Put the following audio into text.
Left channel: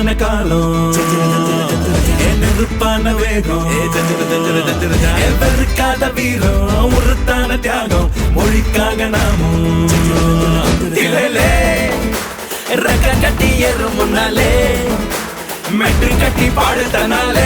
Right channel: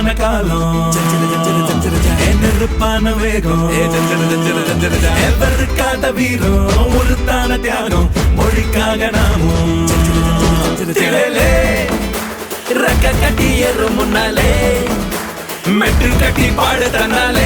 நெருப்பான காலம் நெருப்பான வேகம் எவருக்காத வீரம் முறுத்தான தியாகம் மொழிக்காக நாமும் திடலே ரக்க கட்டி ஏறும் முன்னாலே மெட்டு கட்டி பாடு தன்னாலே